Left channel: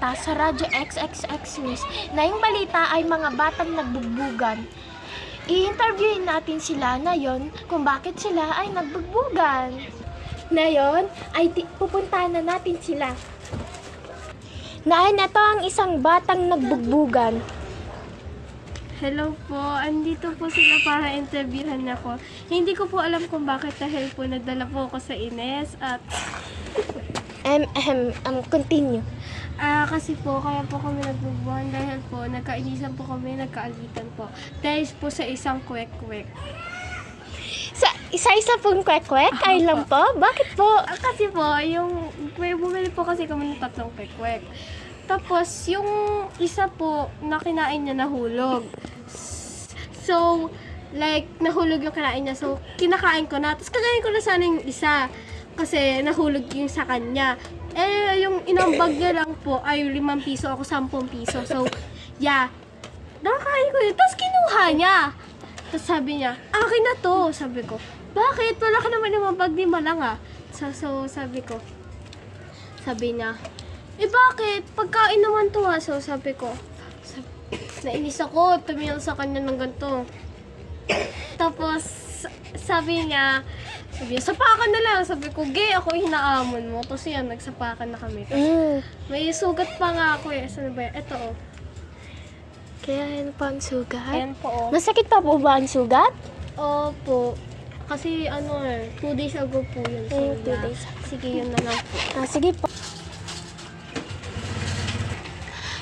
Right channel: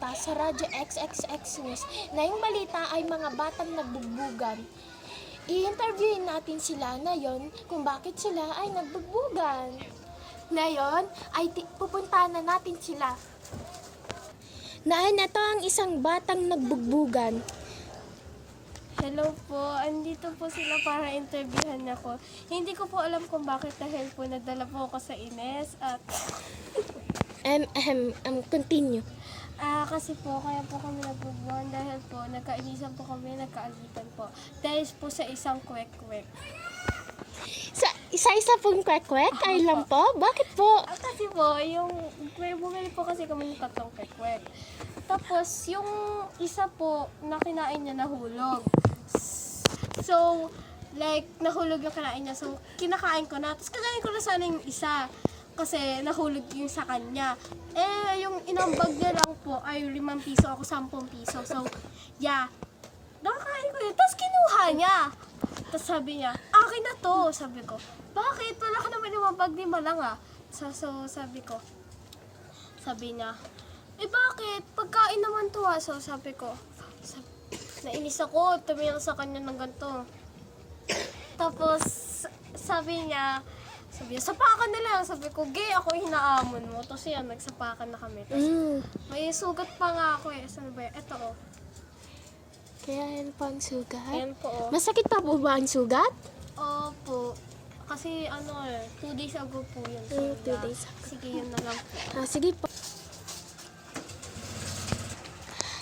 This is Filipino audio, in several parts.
balita sa Radyo XXX News na yung balita ay mga batang nagbugbugan. I-interviewin natin sila ngayon kung bakit sila ay nagbugbugan. Ngayon ay pupuntahan na natin sila. Ito ang isang batang nagbugbugan. Hello po, andito po sila para interviewhan ako. Hindi ko po alam kung bakit dahil po nagdala po ako sa Ines at Continue. kasi po kaya po kami nagbubuhan dahil po nagkainisan po kami, nagkaagitan po. Dahil po sa isang kwek-kwek. Sa isa-isa pong kwek-kwek? Ay lang po? Bakit po? Kasi po, may bumili po kasi kami ng 3 kwek-kwek. Tapos, yung isa po na kinain niya nahulog. So, like, nahulog yung kinain niya. So, kinakain ko na. Tapos, kagayin ko na sana yung isa. Kasi, nahulog yung sa kanya. Eh, yung inambag niya lang po ay 5 piso. Ako 10 piso. So, yeah. Nakakain ko yun. Tapos, kinuha niya. Tapos, sabi niya, akin na to. Sabi ko, bakit? Wala ka naman inambag ni Malang ah. So, sabi ko, sabi niya, bakit? Pagkain naman to ah. So, sabi ko, nainis ako. Tumingin sa kanya ng ganito. Tapos, sabi niya, sapakan na lang. Sabi ko, gay ako hinaamon mo. Tapos yan, nagsapakan na kami. May sugat pa nga ako eh. Saan ba yan? Ito oh. Kaya yan po ang sugat? Ayan po oh. Masakit pa po ba ang sugat? Opo. Kasi 2 days ago po yun. So, 2 days. Sige, yun na lang po. Sige po.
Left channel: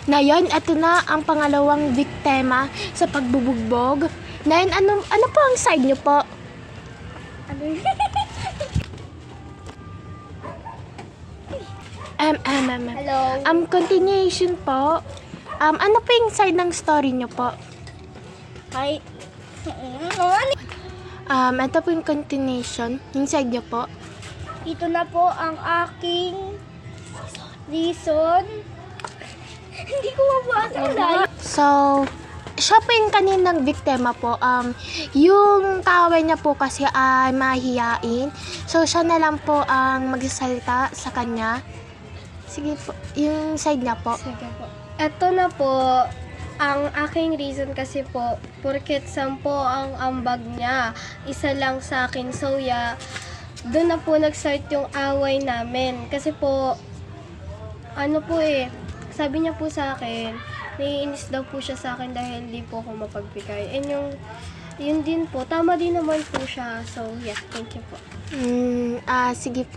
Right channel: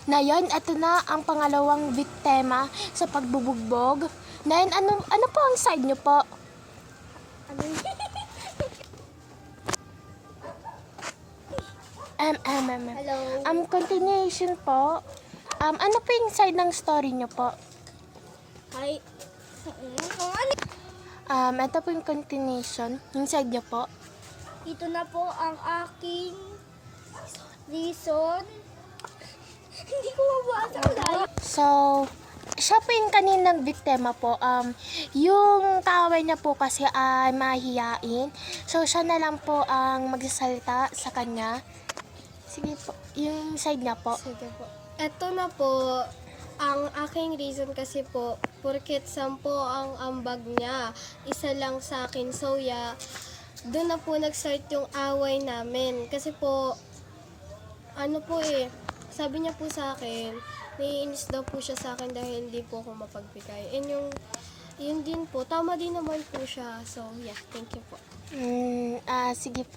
Ngayon, ito na ang pangalawang biktima sa pagbubugbog. Ngayon, ano po ang side niyo po? Hello. Continuation po. Ano po yung side ng story niyo po? Hi. Ito po yung continuation. Yung side niyo po. Ito na po ang aking reason. Hindi ko mabasa. So, siya po yung kaninang biktima po. Yung kaaway niya po kasi ay mahihiyain. So, siya na lang po ang magsasalita sa kanya. Sige po, yung side niya po. Sige po. Ito na po ang aking reason kasi po, porket 10 ang ambag niya, isa lang sa akin. So, yeah, doon na po nag-start yung away namin. Kasi po, sabi niya po sa akin, naiinis daw po siya sa akin dahil hindi po ako mapagbigay. And yun din po, tama din naman po siya. So, yeah, thank you po. Sige po.